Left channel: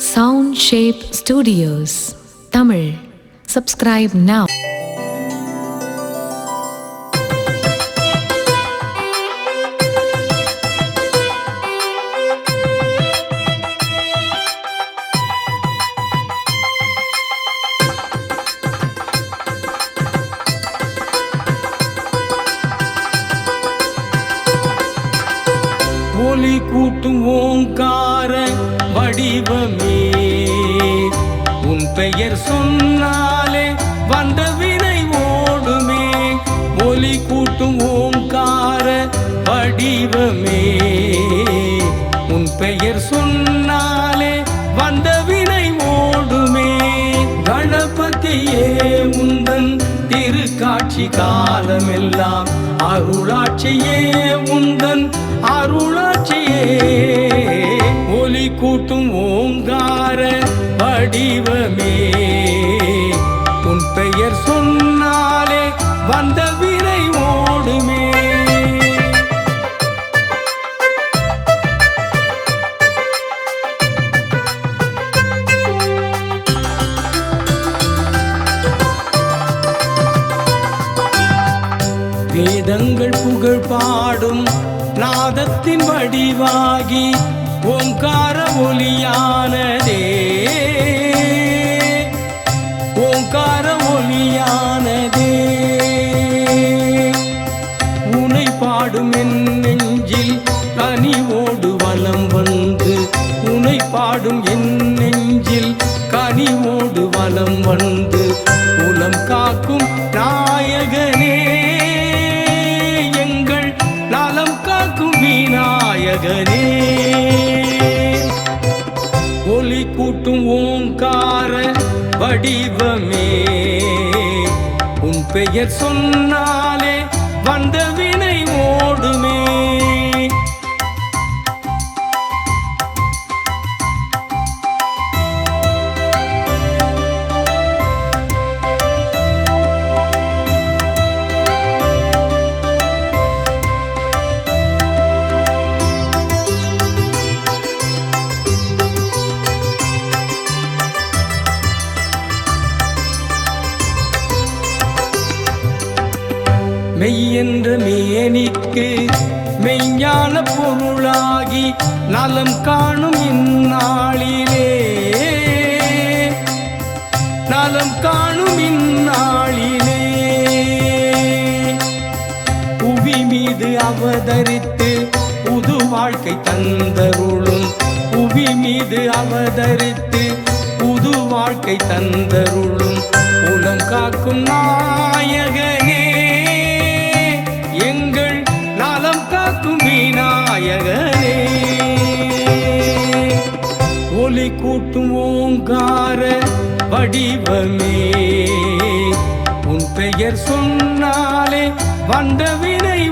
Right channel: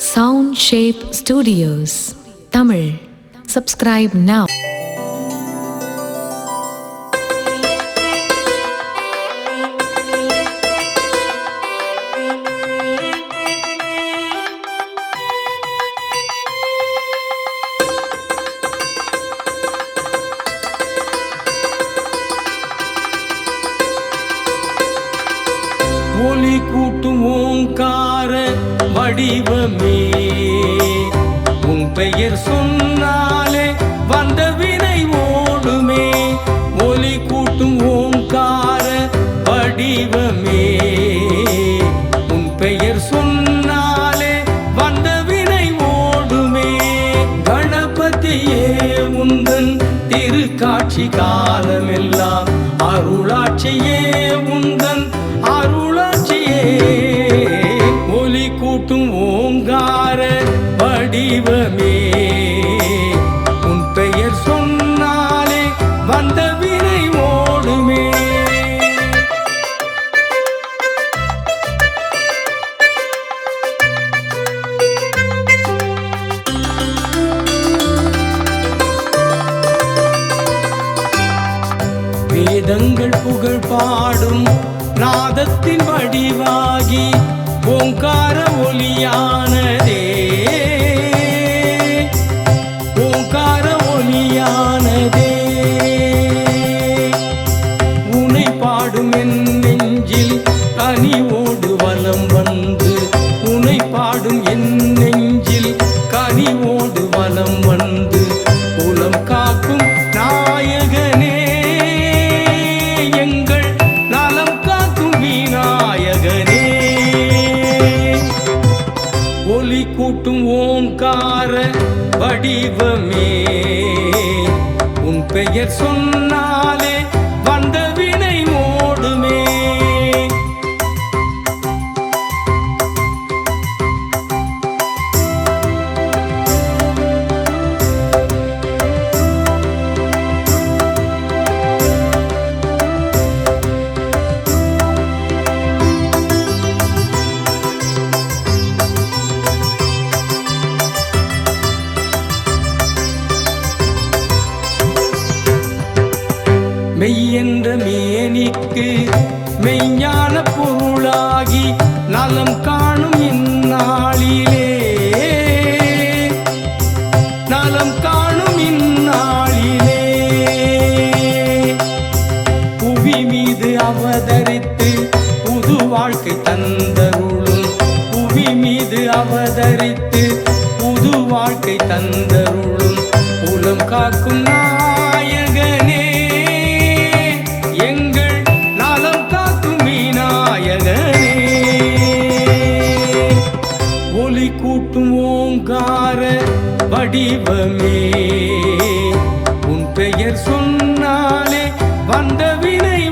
Sound Shape Studios, Tamil. Subscribe now. ஒலி கூட்டும் ஓங்கார வடிவமே, உன் பெயர் சொன்னாலே வந்த வினை ஓடுமே. ஒலி கூட்டும் ஓங்கார வடிவமே, உன் பெயர் சொன்னாலே வந்த வினை ஓடுமே. கணபதியே உந்தன் திருக்காட்சி காலமெல்லாம் அருளாட்சியே உந்தன் அருளாட்சியே. ஒலி கூட்டும் ஓங்கார வடிவமே, உன் பெயர் சொன்னாலே வந்த வினை ஓடுமே. வேதங்கள் புகழ் பாடும் நாதத்தின் வடிவாகி ஓங்கார ஒலியானதே, ஓங்கார ஒலியானதே. உனை பாடும் என் நெஞ்சில் கனிவோடு வலம் வந்து, உனை பாடும் என் நெஞ்சில் கனிவோடு வலம் வந்து, குலம் காக்கும் நாயகனே, எங்கள் நலம் காக்கும் விநாயகனே. ஒலி கூட்டும் ஓங்கார வடிவமே, உன் பெயர் சொன்னாலே வந்த வினை ஓடுமே. மெய் என்ற மேனிக்கு மெய்ஞான பொருளாகி நலம் காணும் இந்நாளிலே, நலம் காணும் இந்நாளிலே. புவி மீது அவதரித்து புது வாழ்க்கை தந்தருளும், புவி மீது அவதரித்து புது வாழ்க்கை தந்தருளும், உலம் காக்கும் நாயகனே, எங்கள் நலம் காக்கும் விநாயகனே. ஒலி கூட்டும் ஓங்கார வடிவமே, உன் பெயர் சொன்னாலே வந்த வினை